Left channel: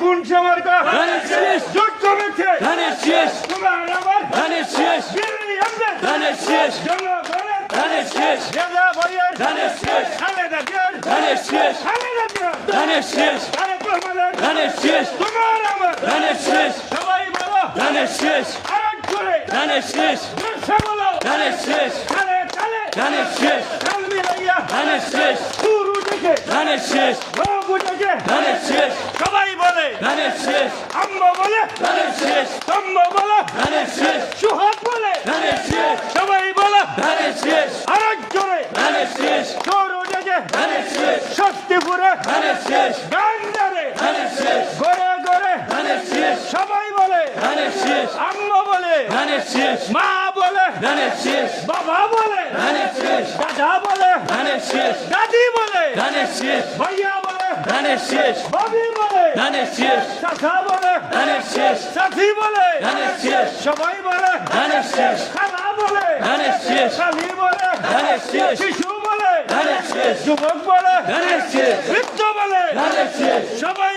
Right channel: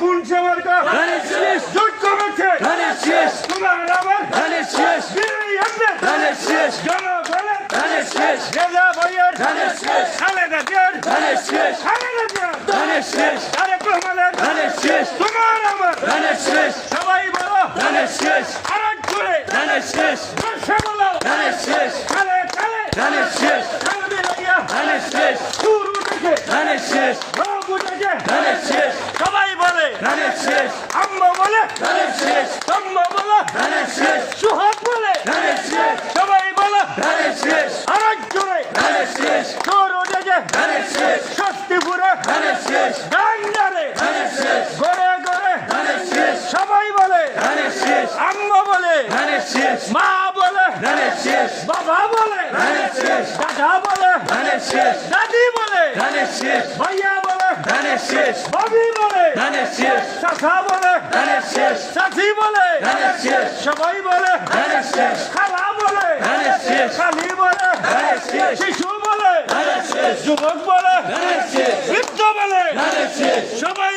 কোন সমার্কা ধানের শেষ জোট কমেছে ধানের শেষ তোমার আমার ধানের শেষ বিরোধী আমাদের ধানের শেষ জনগণের ধানের শেষ গেলা বইয়ের ধানের শেষ খালেদা জিয়ার ধানের শেষ খালেদা জিয়ার ধানের শেষ তারেক রহমানের ধানের শেষ তোমার আমার ধানের শেষ সবাই বলো ধানের শেষ আরেক করে ধানের শেষ বর্ষা বলো ধানের শেষ খালে খালে ধানের শেষ খালবি লাগিয়া ধানের শেষ সুর উঠেছে ধানের শেষ রোগ উঠেছে ধানের শেষ সবাই বলে ধানের শেষ আম্মা বলে ধানের শেষ আম্মা বলে ধানের শেষ সুহাগ বলে ধানের শেষ সবাই বলে ধানের শেষ আরেক জোরে ধানের শেষ সুর উঠেছে ধানের শেষ শক্তিপুরে ধানের শেষ ডান্ডারে ধানের শেষ গড়ে গড়ে ধানের শেষ সবাই বলে ধানের শেষ আম্মা বলে ধানের শেষ মা বলে ধানের শেষ বাবা বলে ধানের শেষ দাদা বলে ধানের শেষ দাদি বলে ধানের শেষ ভাইয়া বলে ধানের শেষ ববি বলে ধানের শেষ চাচা বলে ধানের শেষ চাচি বলে ধানের শেষ সবাই বলে ধানের শেষ খালা বলে ধানের শেষ খালি বলে ধানের শেষ শিশু বলে ধানের শেষ যুবক বলে ধানের শেষ বৃদ্ধ বলে ধানের শেষ সবাই